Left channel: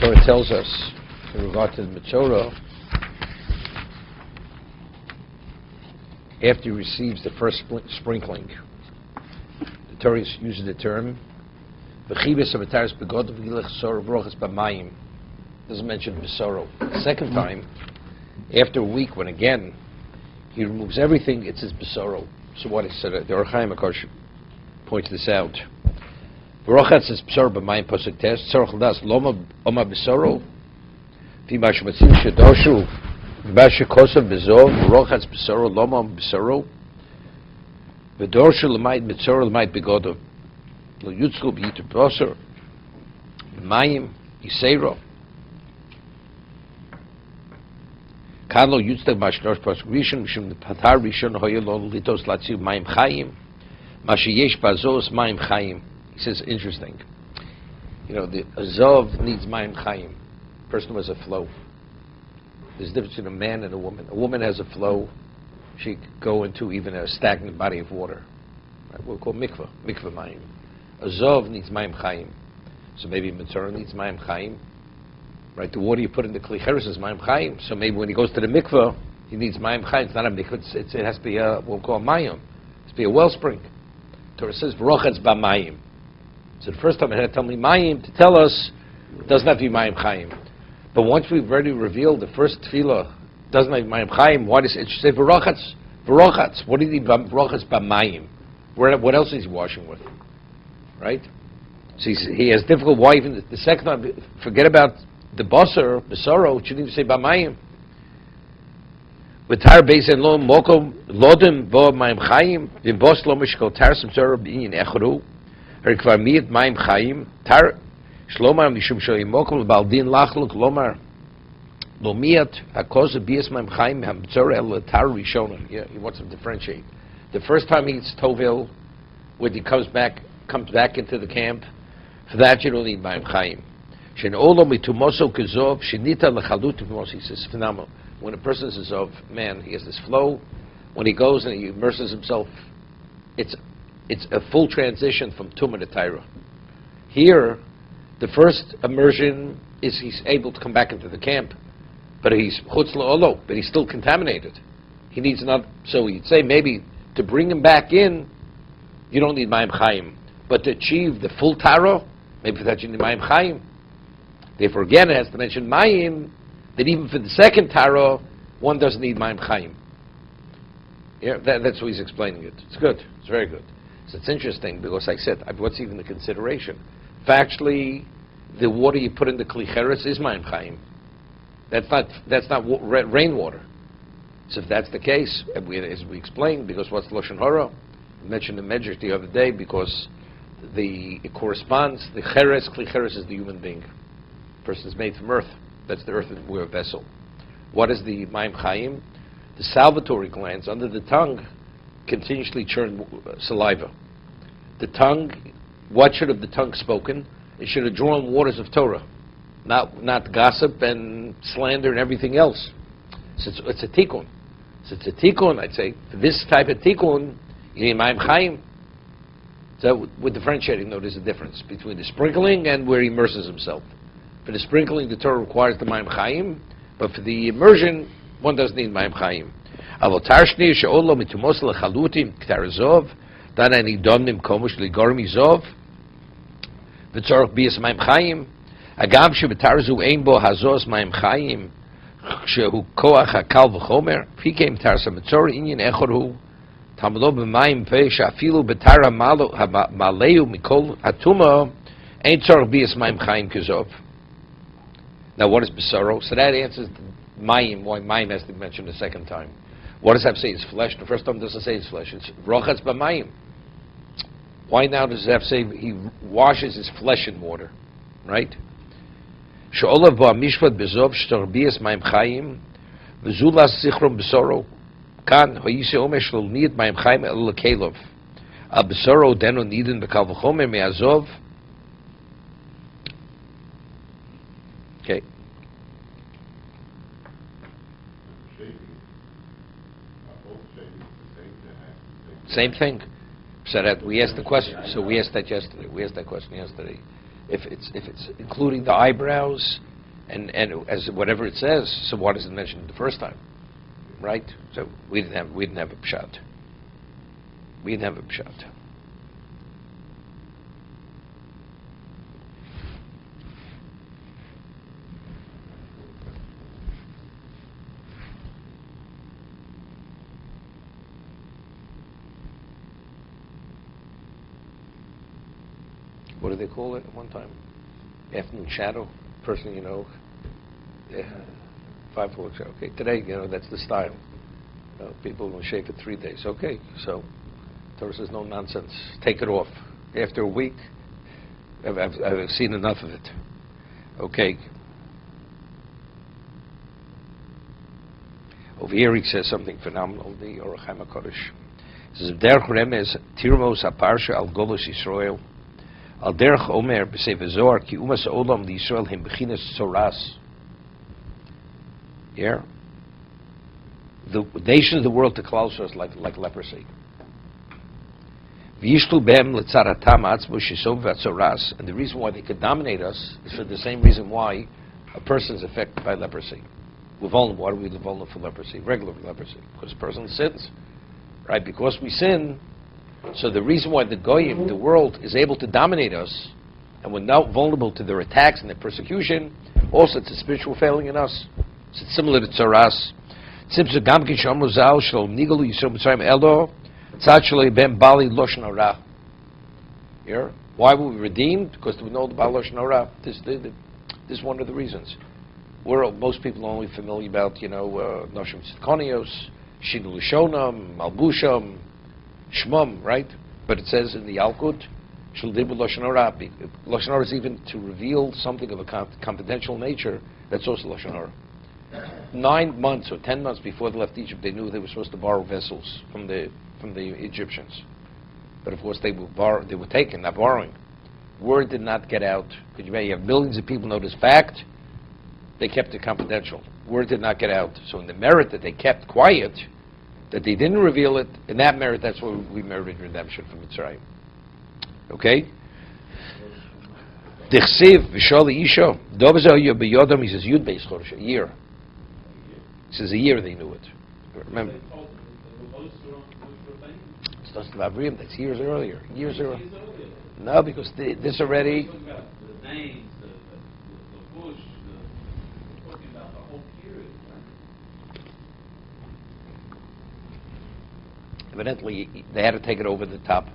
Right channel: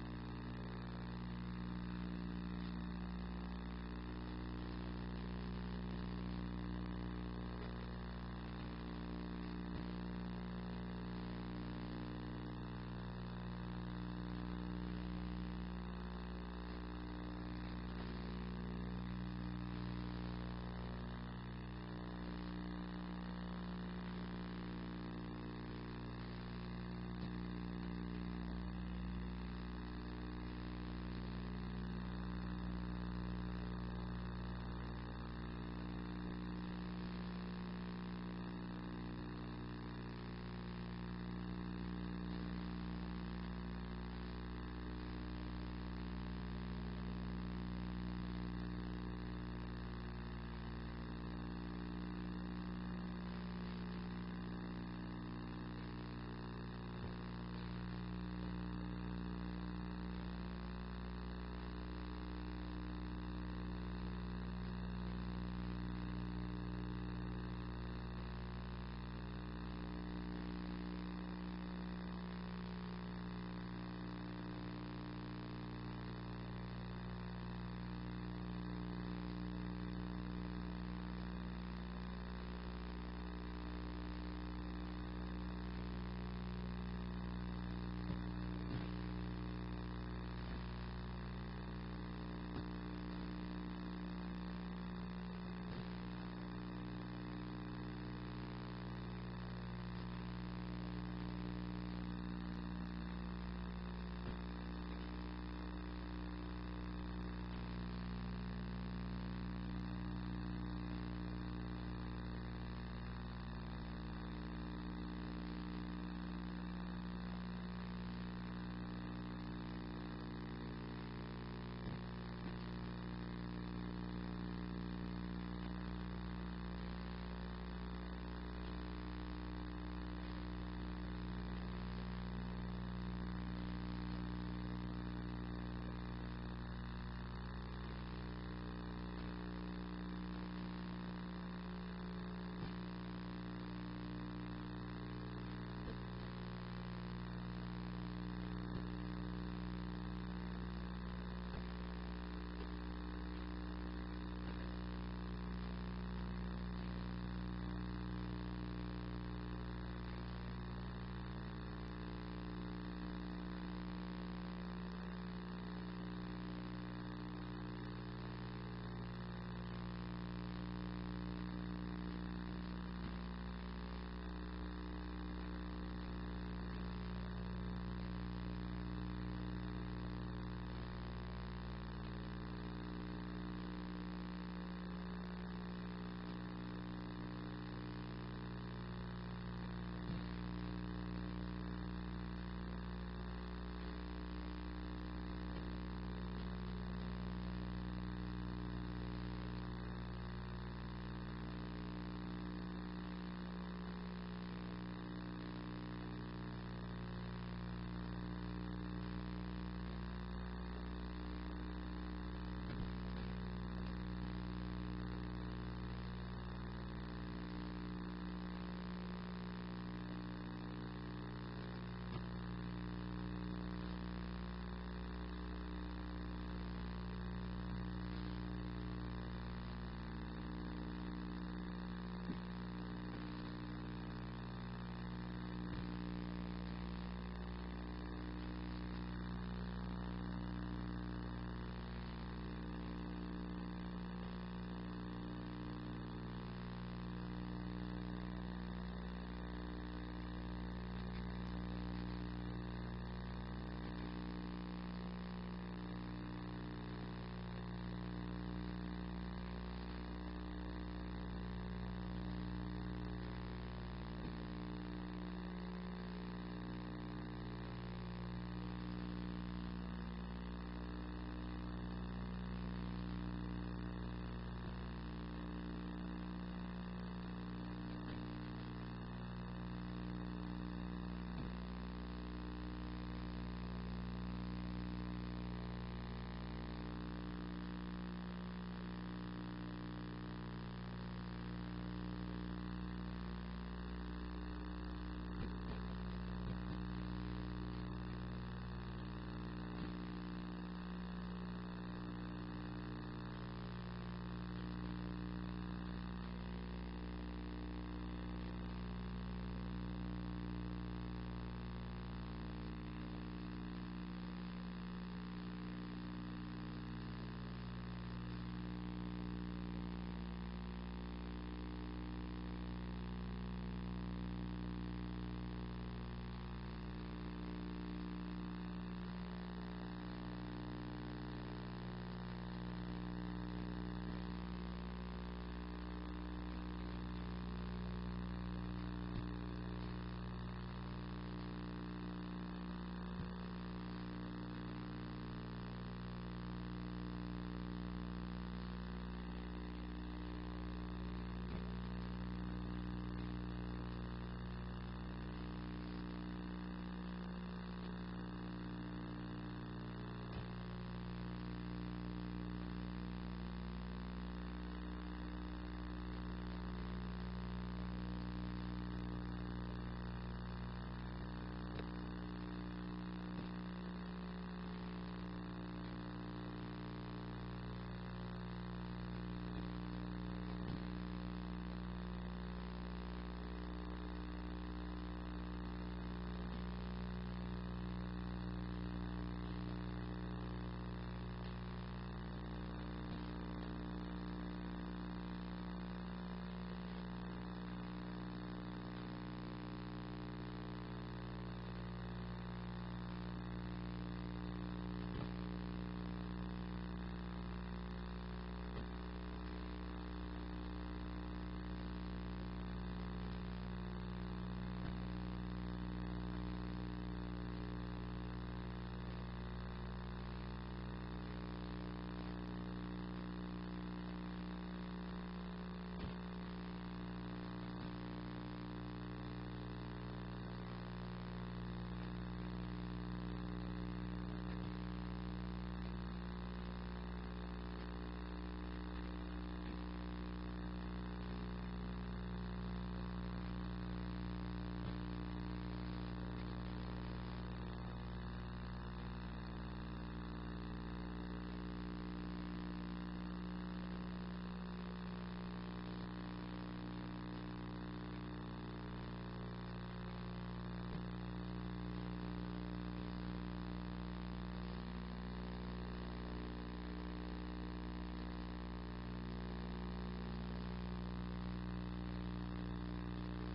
Torah tells us in regard to the Metzora, after he receives the first sprinkling, the Torah uses the term doesn't mention Besoro. The second time, after a week, when again he removes everything, it says Besoro. So what is it? The Or Chaim Akash points this out. Rochat says Besoro b'mayim pasuk tes. Tzorach l'das loma oma Besoro. V'mash matzim shedoshu v'mash kosav bezov. Rochat Besoro loma oma Besoro. V'dorshu l'mayit Metzora l'mayit begodov. Lo yutzlu b'yitu b'osor. Mayim yiseiro. Kalo yutzteg mashlosh pasuk rishon mishum patar rishon hoyelol litos latziv mayim chayim. Mashiyesh bazos mayim chayim. He says, interesting. The azov needs mayim chayim. Person who has a flow. There's a difference between a man and a woman. A woman has a flow. She could go into even a stagnant body of water. Right? We'll call mikvah mayim. Azov needs mayim chayim. So maybe Metzora needs mayim chayim. Right? The water you put in the kli cheres is mayim chayim. So maybe when he goes to the mikvah, he needs mayim chayim. It's not a mikvah. It has to be we'll call mayim. It has to be a wellspring. Torah says, v'rochatz b'mayim. So the first time it had to tell me mayim to tell us it doesn't have to be mayim chayim. But once we've already revealed the first tefillah doesn't have mayim chayim, why does it say v'rochatz? V'rochatz. What do you need v'rochatz b'mayim? What else is he washing with? Right? So he has difficult. Why even the second time? Forget about the basar, besoro. Shouldn't even say b'mayim. V'tar beis lo mokom lodim bo mayim chayim v'bos lo mishkol tar semzora b'inyin echadu. Herikvar miyat mayim chayim tar shlomar mishum shoyim mokom l'baldin lachluk lomar lo miyat hakoz b'yas mayim chayim hamzora el tar rishonim. Yeah, he wants to differentiate. The first time he eats tovil, when he comes back into the camp, for that you don't need mayim chayim. Shen olo mitumoso kezov shenita lechalut v'mos. He says phenomenal. When a person is of man, he has this flow. When he goes and he immerses himself, it's a full transition from tumah to taira. Here, the first immersion is he's able to come back into the camp, but he's chutz la'olo, but he's still contaminated. He needs another. So you'd say maybe to bring him back in, you don't need mayim chayim, but to achieve the full tara, maybe for that you need mayim chayim. Therefore, again, it has to mention mayim, that even for the second tara, one doesn't need mayim chayim. Yeah, that's what he's explaining it. It's good. It's very good. So it's interesting because I said, what's even the consideration? Factually, the water you put in the kli cheres is mayim chayim. That's not rainwater. So if that's the case, as we explained, because what's lashon hara? We mentioned the medrash the other day because it corresponds. The cheres, kli cheres, is the human being. The person is made from earth. That's the earthenware vessel. What is the mayim chayim? The salivatory glands under the tongue continuously churn saliva. The tongue, what should have the tongue spoken? It should have drawn waters of Torah, not gossip and slander and everything else. So it's a tikkun. So it's a tikkun, I'd say. For this type of tikkun, you need mayim chayim. So we're differentiating, though, there's a difference between the sprinkling and where he immerses himself. For the sprinkling, the Torah requires the mayim chayim, but for the immersion, one doesn't need mayim chayim. Avotar shni she'olo mitumos lechalutim k'tarazov dana nidon mimkomush ligormi zov v'tzorach biyas mayim chayim agam shebetarazu ein bo hazos mayim chayim shehu koach hakal v'chomer fikem tarsa metzora inyan echorhu tamlo b'mayim pe she'afilu betara maleu mikol atuma ein tzorach biyas mayim chayim k'zov. Now what is Besoro? So that answers mayim, why mayim has to be mentioned a second time. What does that say? It's flesh. The first time doesn't say it's flesh. It's rochatz b'mayim. Why now does it have to say he washes his flesh in water? Right? She'olav bo mishpat bezov sh'torbias mayim chayim v'zulas zichron Besoro kan hoyise omer sh'lo niyat mayim chayim el lekelov al Besoro deno nidin b'kal v'chomer me'azov. Okay. Same thing. So that we asked the question. So we asked that yesterday. We asked that question yesterday. if it's including the eyebrows and as whatever it says, so why does it mention it the first time, right? So we didn't have a pshat. We didn't have a pshat. What do they call it at one time? Afternoon shadow, person you know. Yeah, 5 o'clock shadow. Okay, today that's the style. People will shave it 3 days. Okay, so Torah says no nonsense. Take it off. After a week, I've seen enough of it. Okay. Over here he says something phenomenal. The Orach Chaim HaKodesh. He says, "Derech remez tirmos aparsha al golos Yisrael al derech omer b'sefer Zohar ki umas olam lYisrael hem bechinas tzoras." Yeah. The nations of the world to Klal Yisrael is like leprosy. V'yishlu behem letzaratam atzmo shesov v'atzoras, and the reason why they could dominate us is for the same reason why a person is affected by leprosy. We're vulnerable. Why are we vulnerable for leprosy? Regular leprosy, because a person sins, right? Because we sin. So the reason why the goyim, the world, is able to dominate us, and we're now vulnerable to their attacks and their persecution, also it's a spiritual failing in us. So it's similar to tzoras. Why were we redeemed? Because we know the Baal Lashon Hara. This is one of the reasons. Most people are only familiar about, Noshim Tzidkonios, Shinu Lishonam, Malbusham, Shmum, right? But it says in the Yalkut, Shaldim Lashon Hara. Lashon Hara is even to reveal something of a confidential nature. That's also Lashon Hara. 9 months or 10 months before they left Egypt, they knew they were supposed to borrow vessels from the Egyptians. But of course, they were taken, not borrowing. Word did not get out. But you have millions of people know this fact. They kept it confidential. Word did not get out. So in the merit that they kept quiet, that they didn't reveal it, in that merit, that's why we merited redemption from Mitzrayim. Okay? Dichsiv v'shali isho dovazoyu b'yodam. He says Yud Beis Chodesh, a year. He says a year they knew it. Remember? It's not about Avrim. That's years earlier. Years earlier. No, because this already. Evidently, they had to take it over the top.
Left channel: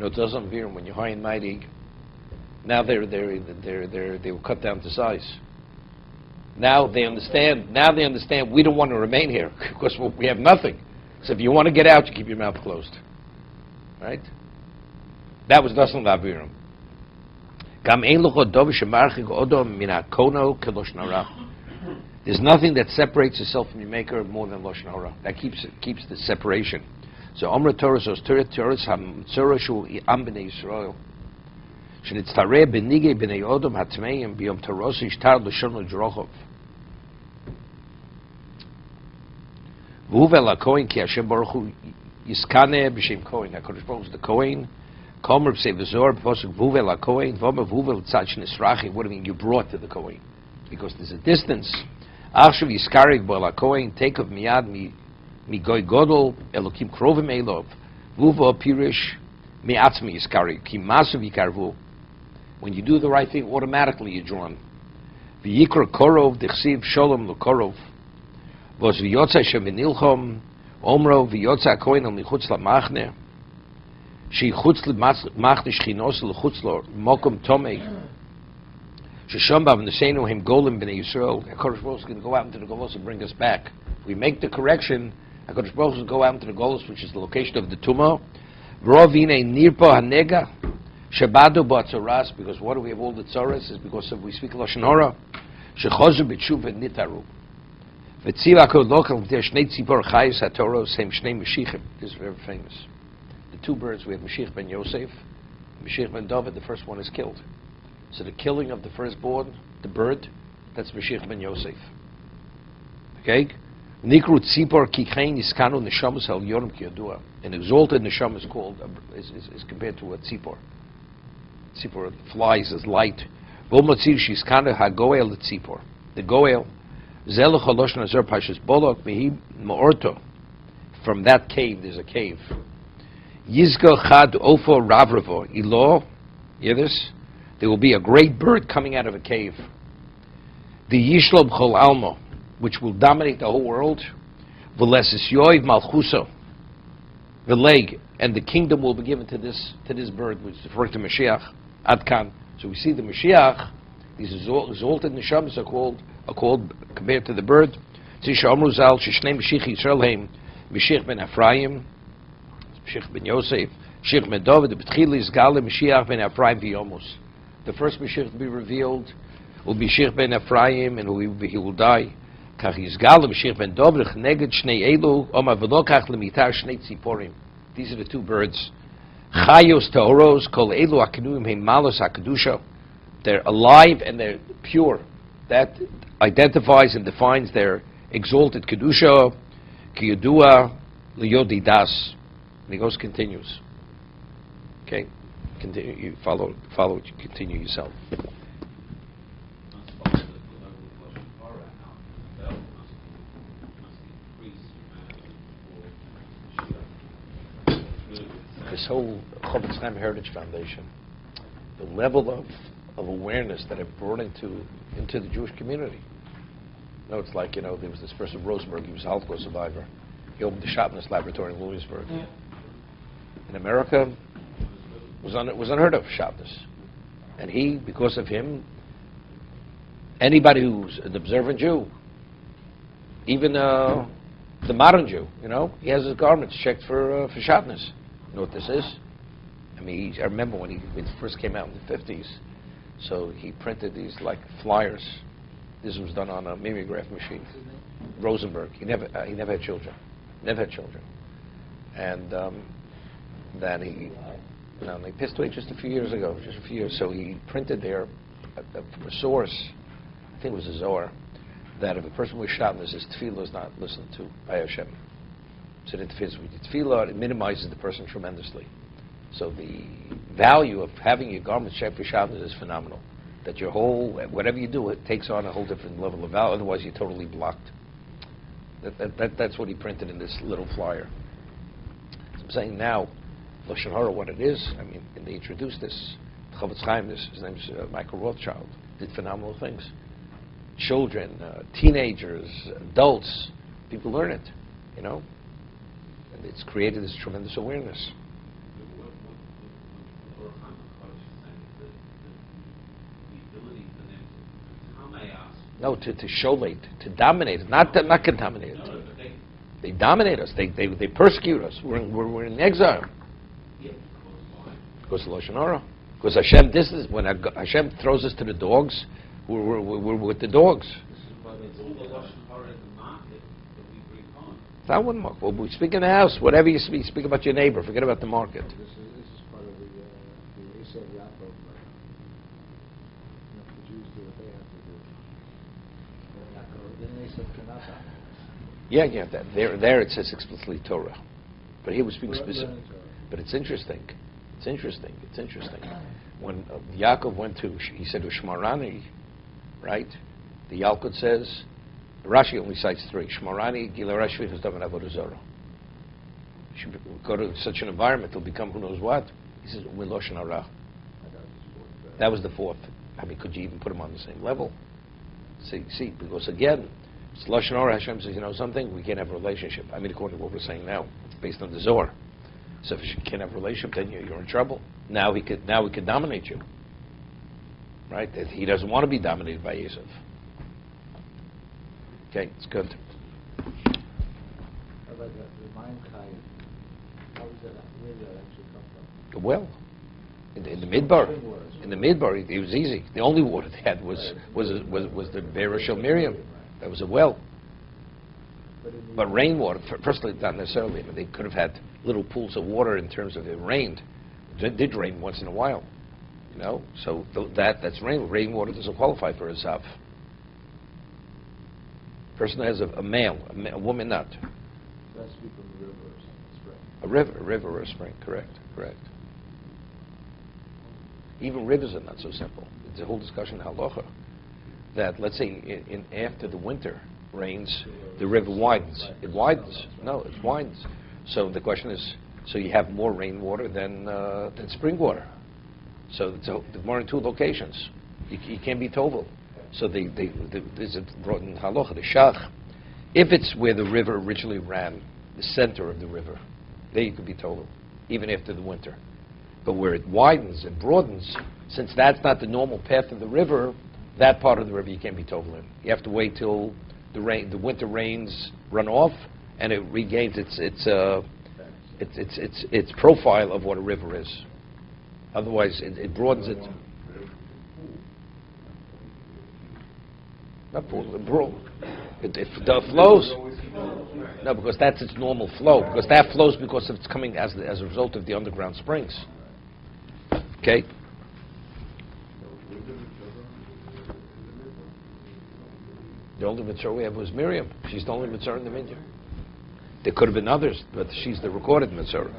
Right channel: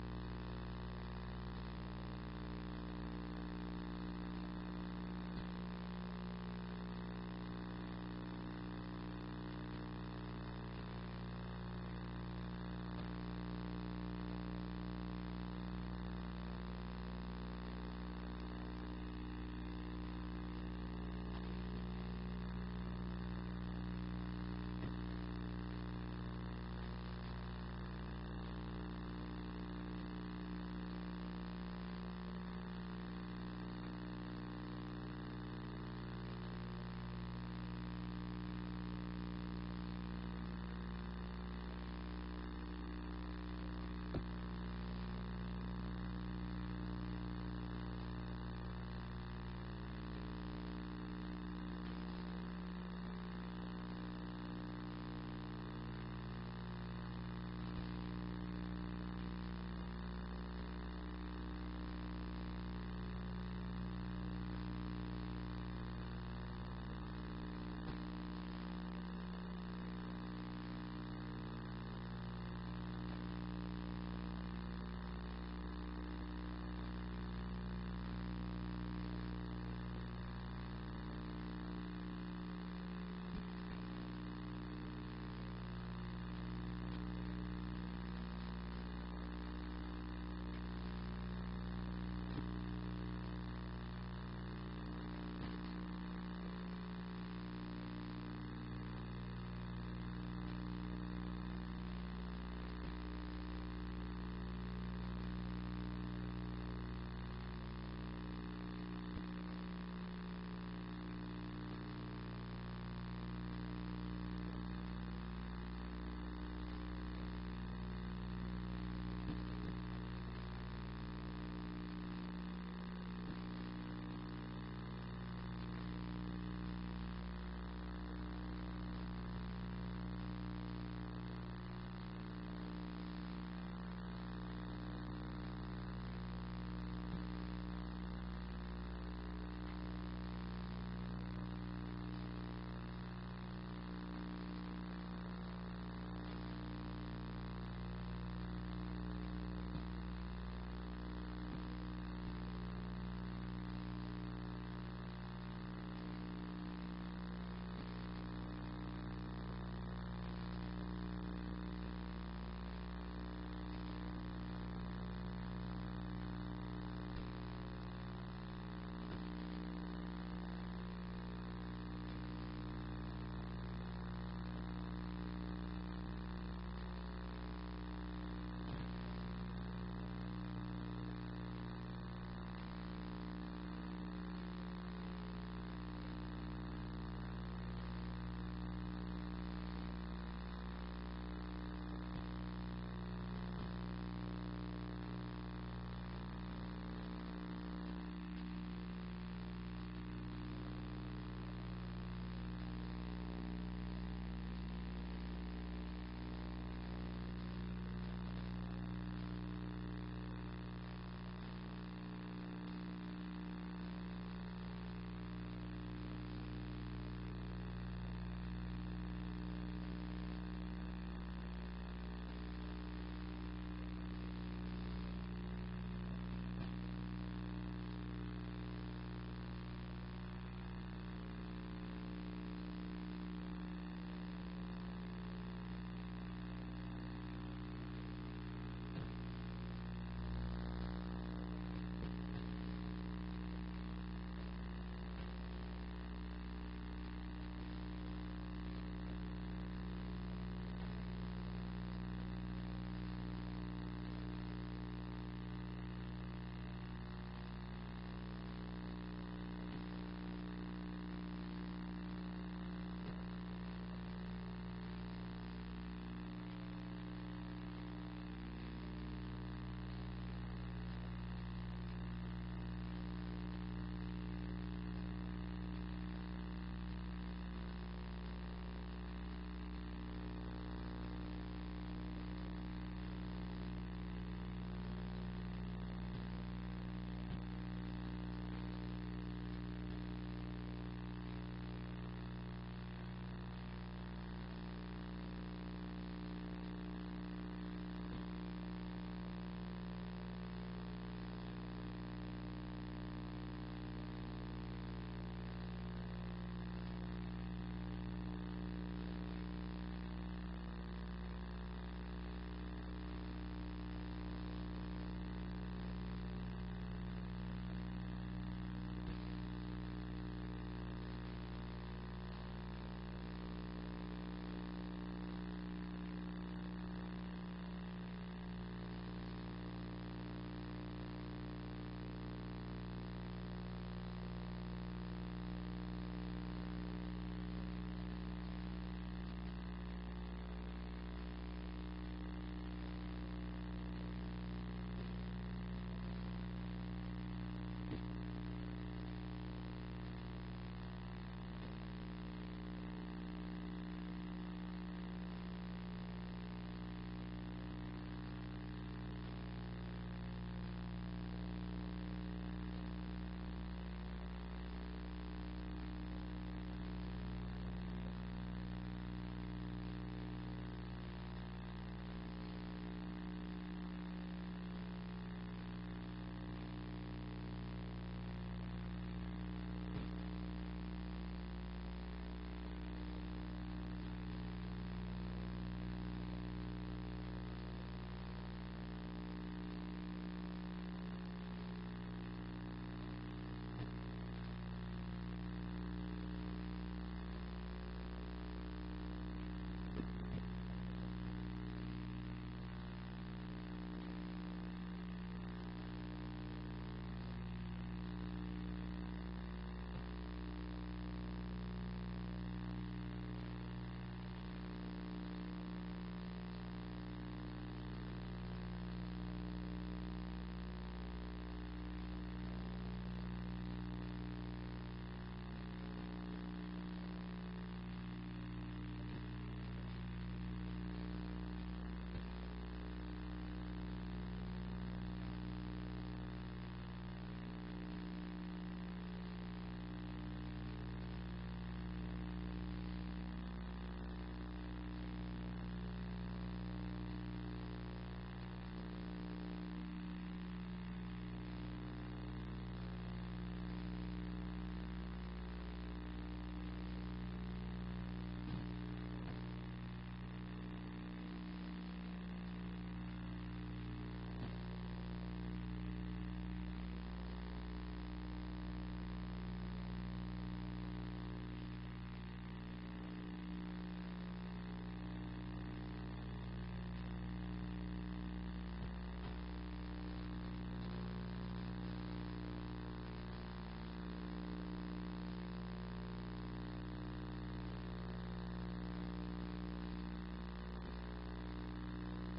It doesn't appear when you're high and mighty. Now they were cut down to size. Now they understand. We don't want to remain here because we have nothing. So if you want to get out, you keep your mouth closed. Right? That was Dasan Lavirim. There's nothing that separates yourself from your Maker more than Lashon Hara. That keeps the separation. So Omra Torah says Torahs Metzora shu am b'nei Yisrael. Shenitztareh b'nigei b'nei Odom hatmeim b'yom Torah ishtar l'shon l'jrochov. V'uvel HaKohen ki Hashem Baruch Hu yiskaneh b'shem Kohen. HaKadosh Baruch Hu is the Kohen. Komer b'sei v'zor b'posuk v'uvel HaKohen v'omer v'uvel tzad shnisrachi. What do you mean you brought to the Kohen? Because there's a distance. Achshav yiskarek b'al HaKohen take of miyad migoy godol elokim krovim elov vuvo pirish mi'atzmi yiskarek ki masav yikarvu. When you do the right thing, automatically you're drawn. V'yikra korov dichsiv sholom l'korov vos v'yotza sheminilchom omro v'yotza HaKohen al michutz la'machne she chutz l'machne shchinos l'chutz lo mokom tomei Sheshombav Nesenu him Golim b'nei Yisrael. HaKadosh Baruch Hu is going to go out into the Golos and bring us back. We make the correction. HaKadosh Baruch Hu will go out into the Golos, which is the location of the Tumah. V'rovine nirpo hanega shabadu ba'atzoras. Because what do we have all the tzoras? Is because we speak Lashon Hara. Shechozu b'tshuva nitaru. V'tziv HaKadosh lokal v'ter shnei tzipor chayis hatoros hem shnei Mashiachim. This is very famous. The 2 birds, we have Mashiach ben Yosef, Mashiach ben David. The first one is killed. So the killing of the firstborn, the bird, that's Mashiach ben Yosef. Okay? Nikru tzipor kikhein iskanu neshamas al yorim ki yadua. An exalted neshama is called, is compared to a tzipor. Tzipor flies as light. V'omotzir shiskana hagoel tzipor. The goel. Zelach haloshon azor parshas bolok mehi ma'orto. From that cave, there's a cave. Yizgo chad ofo ravravo ilo. Hear this? There will be a great bird coming out of a cave. The Yishlob Chol Almo, which will dominate the whole world. V'lesis yoiv malchuso. V'leg, and the kingdom will be given to this bird, which is referring to Mashiach. Adkan. So we see the Mashiach. These exalted neshamas are called compared to the bird. Tisha Amru Zal Shishnei Mashiach Yisrael Heim Mashiach ben Ephraim, Mashiach ben Yosef, Mashiach ben David. The B'tchil is Gale Mashiach ben Ephraim v'Yomus. The first Mashiach to be revealed will be Mashiach ben Ephraim, and he will die. Kach Yizgal Mashiach ben David Neged Shnei Elu Omar V'lo Kach Lemitar Shnei Tziporim. These are the two birds. Chayos Teoros Kol Elu Akinuim Heim Malos HaKedusha. They're alive and they're pure. That identifies and defines their exalted Kedusha. Ki Yodua Liyodi Das. And he goes, continues. Okay? Continue, you follow it, you continue yourself. This whole Chofetz Chaim Heritage Foundation, the level of awareness that it brought into the Jewish community. You know, it's like, there was this person, Rosenberg, he was a Holocaust survivor. He opened the Shabbos laboratory in Williamsburg. Yeah. In America, was unheard of, Shabbos. And he, because of him, anybody who's an observant Jew, even the modern Jew, he has his garments checked for Shabbos. You know what this is? I mean, I remember when it first came out in the 50s, so he printed these like flyers. This was done on a mimeograph machine. Rosenberg, he never had children. Never had children. And then they passed away just a few years ago, So he printed there a source, I think it was a Zohar, that if a person was Shabbos, his tefillah is not listened to by Hashem. So it interferes with the tefillah, it minimizes the person tremendously. So the value of having your garments checked for Shabbos is phenomenal. That your whole, whatever you do, it takes on a whole different level of value, otherwise you're totally blocked. That's what he printed in this little flyer. So I'm saying now, Lashon Hara, what it is, I mean, they introduced this, Chofetz Chaim, his name's Michael Rothschild, did phenomenal things. Children, teenagers, adults, people learn it, And it's created this tremendous awareness. No, to show to dominate, not contaminate. They dominate us. They persecute us. We're in exile. Because of Lashon Hara. Because Hashem, when Hashem throws us to the dogs, we're with the dogs. That one, well, we speak in the house. Whatever you speak about your neighbor. Forget about the market. Yeah. There it says explicitly Torah, but he was speaking specific. But it's interesting. When Yaakov went he said to Shmarani, right? The Yalkut says, Rashi only cites 3. Shmarani, Gila Rashi, Hizdav, and Avodah Zarah. You should go to such an environment, it'll become who knows what. He says, Lashon Hara. That was the 4th. I mean, could you even put them on the same level? See, because again, it's Lashon Hara. Hashem says, something, we can't have a relationship. I mean, according to what we're saying now, it's based on the Zohar. So if you can't have a relationship, then you're in trouble. Now he could dominate you, right? That he doesn't want to be dominated by Yosef. Okay, it's good. Well, in the Midbar, it was easy. The only water they had was the Be'er Shel Miriam. That was a well. But rainwater, firstly, not necessarily. But they could have had little pools of water in terms of it rained. It did rain once in a while, So that's rain. Rainwater doesn't qualify for a zav. Person that has a male, a woman not. A river or a spring. Correct. Even rivers are not so simple. It's a whole discussion in halacha that, let's say, after the winter rains, the river widens. It widens. No, it widens. So the question is, so you have more rainwater than spring water. So more in two locations. You can't be tovel. So there's a brought in halacha, the shach. If it's where the river originally ran, the center of the river, there you could be tovel, even after the winter. But where it widens and broadens, since that's not the normal path of the river, that part of the river you can't be tovel in. You have to wait till the winter rains run off, and it regains its profile of what a river is. Otherwise, it broadens it. Not broad. It flows. No, because that's its normal flow. Because that flows because it's coming as a result of the underground springs. Okay. The only Metzora we have was Miriam. She's the only Metzora in the vineyard. There could have been others, but she's the recorded Metzora.